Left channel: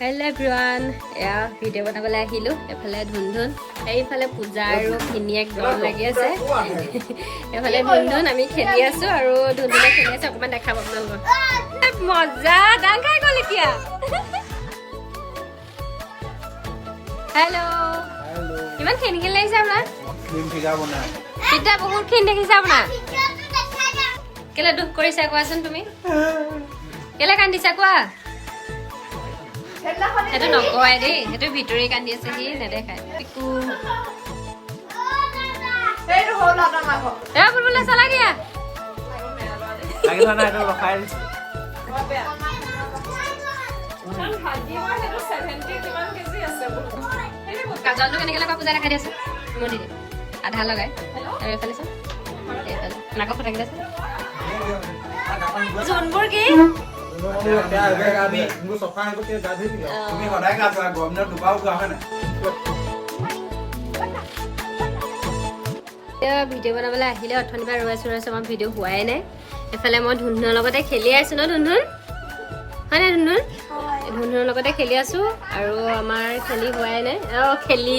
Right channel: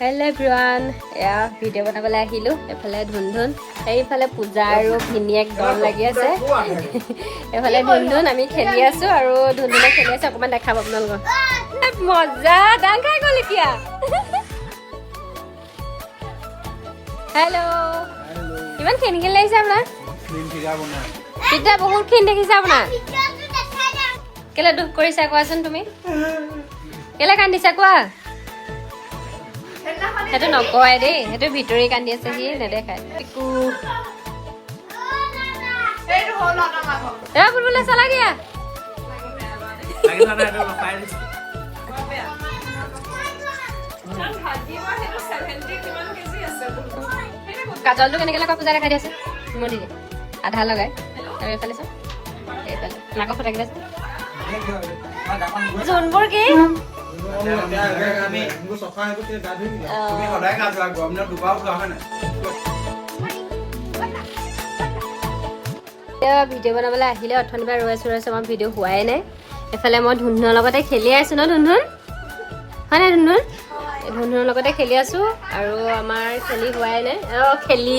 Hello everyone, video বনাবলৈ আহিলো এফালে ধুনধুন এইফালে পূজা আৰু ভিনিয়েক দল লাগি আছে এফালে ধুনধুন আমি খেলি আছো আৰু ধুনধুনে খেলি আছে অকমান দেখাব আপোনালোকক মজা ডাং খাই গ'ল এতিয়া হেল্ল' ইমান খেলি খেলি লাগিছে আপোনাৰ পিঠা বহুত খেলি দেখিছে আপোনাৰ কেলে দুখ কৰিছা কোৱাচোন তুমি কেলে কান্দিছা কোৱা সেইটো নকয় দেই সেইটো ভিতৰি কান্দি আছে সি নেদেখায় পিকু বুলবুলে চলা দিয়া কাজলটো কেনেকে লগাই পূজা দেখাই দি আছে মই দি আধা লগাই আৰু এইফালে চাওঁ এইফালে নাকত ফটাকি আছে যোনবোৰ কি ভিডিঅ' বনাবলৈ আহিলে অথনিৰ পৰা ৰৈ আছো আমাৰ ভিডিঅ' হোৱাই নাই এইফালে মই ধুনধুনৰ লগতে খেলি আছো ন ধুনধুন হয় নাই ধুনধুন ধুনধুনৰ লগতে খেলি আছো আৰু আমাৰ খেলি হোৱাই নাই খেলি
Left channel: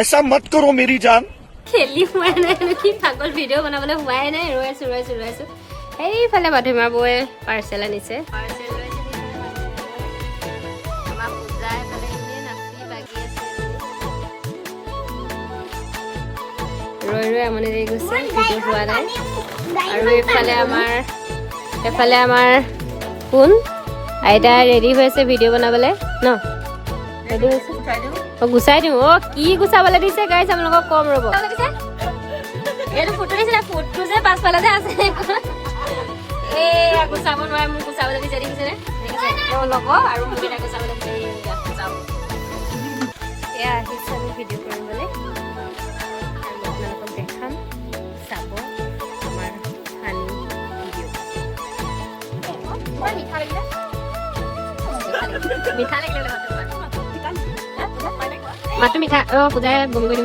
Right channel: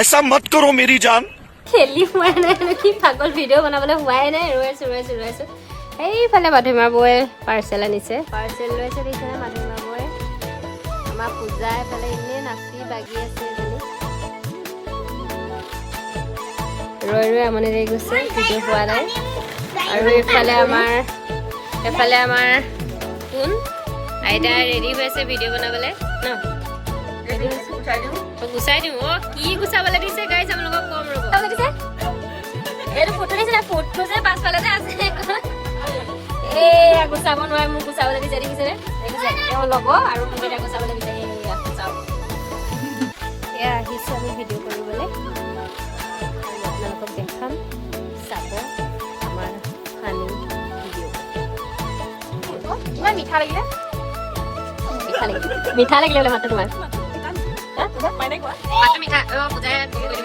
ऐसा मत करो मेरी जान খেলি হোৱাই নাই কি পাগল ভিডিঅ' বনাবলৈ হোৱাই নাই ৰৈ আছো এইফালে মাধুমা বৌয়ে পাৰ্চেল আনিছে পাৰ্চেল লৈছে দিছে মাধুমা বৌয়ে আমাৰ পূজা এইফালে এনেই নাচি বাগি আছে ৰৈ আমনি লাগি গৈছে ভিডিঅ' হোৱা নাই আৰু এইফালে আমাৰ কোন আইতা ৰেডি হৈছে ভিডিঅ' বনাবলৈ ন ৰেডি হৈছে গুচাই দিওঁ কি গুচাবলৈ দিছে গাইছ আপোনালোকক কম ৰ'ব এইটো ফটো দিছে ফটো যে পাছফালে যে আছে গুচাব নোৱাৰে মোক গুচাবলৈ দিছে দেখিছেনে ল'ব আৰু মোক এটা গুচাবলৈ দিছে এয়া আহিছে আমি ভিডিঅ' কৰিবলৈ আৰু আপোনালোকক দেখাম চাব আমাৰ হানি ভিডিঅ' মিঠা লাগিলে বোলে মাতটো তোমাৰ মাতটো মিঠা পূজাই বমি কৰি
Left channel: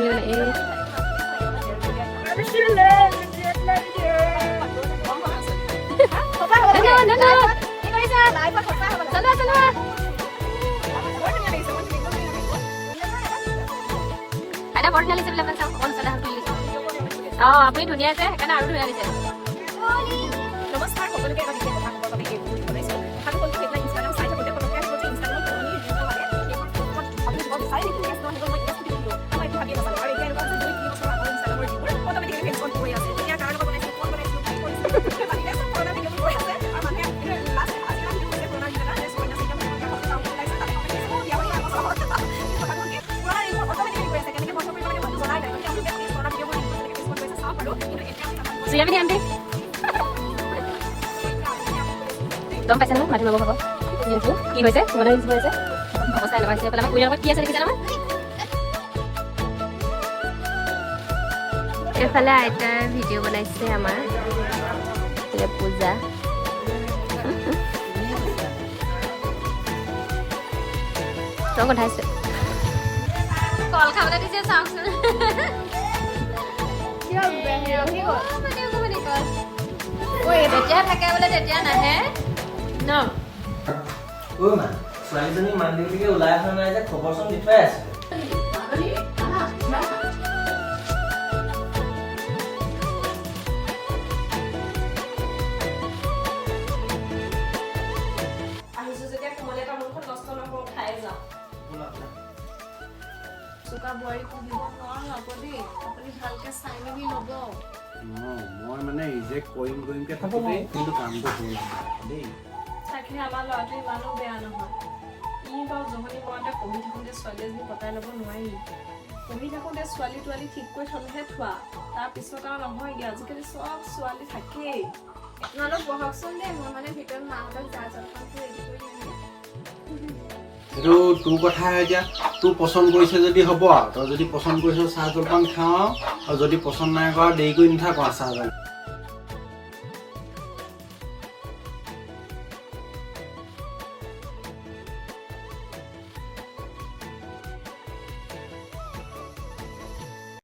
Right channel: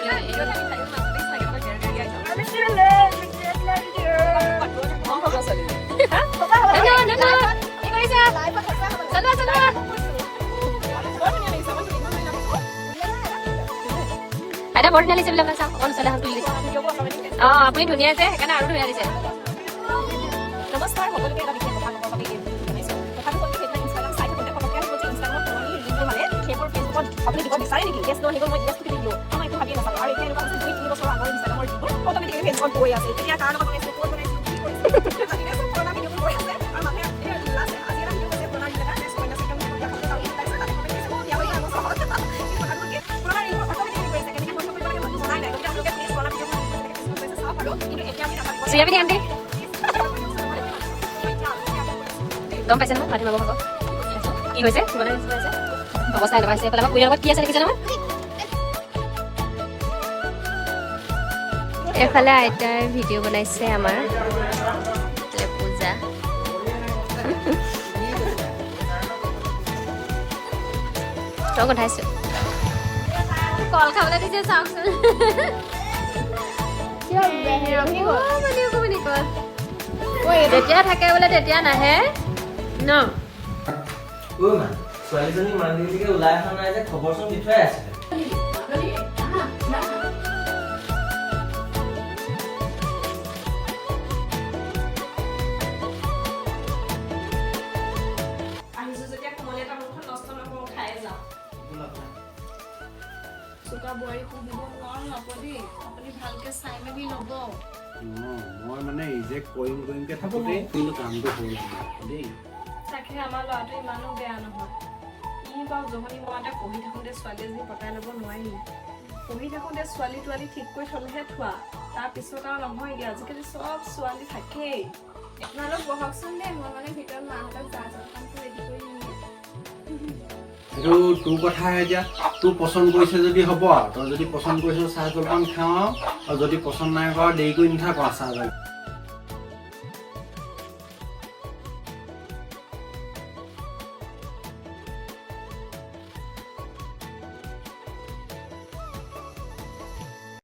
আপুনি ধুনীয়া আছে সেইকাৰণে আৰু ধুনীয়া দিছে নমস্কাৰ সকলোকে গম পাইছে নহয় মাধুমা বৌক কি হৈছে অৱস্থা এটা পাইছে আমাৰ পৰিয়ালৰ কি আছে দেখিছে নহয় এইফালে আইতাৰ ভিডিঅ' বনাইছে আমাৰ পূজা তই কথাইছো কল খাবলৈ দিছে চাওকচোন যেতিয়া থাকে বোলে তেতিয়া নাহে ন ছোৱালীজনী মান্দিৰলৈকে ওলাই অহা নাই যে খবৰ চোন দি থৈ আছে মই মানে ৰিজেক্ট কৰিমকে থাকোঁতে কিন্তু কামটো হৈ দেই তাকে আমাৰ ল'ৰাটো ইমানো বেয়া নহয় ই বাৰু জহনি মতে পঢ়ি থাকোঁতে ছোৱালী এজনী পতাই ল'ব নোৱাৰি পঢ়ি থাকোঁতে ছোৱালী তোৱালী ঠিক কৰি থ'লেহে থোৱা তাৰপিছত আৰু নহয়গৈ আজিকালি চব ছোৱালী থাকেই আপোনালোক বহকচোন দেই মই মানে ভিতৰত মাহঁতক জা জলপানটো ৰেডি কৰি দিম এইটো তোৰ কথা এতিয়া তোৰ পচন্দ কৰিছে যদি হ'ব আৰু তই যদি পচন্দ কৰিছ চাহ জলপান খাওঁ আৰু যদি পচন্দ নাই কৰা দেৰি কৰি নাথাক চাহ জলপান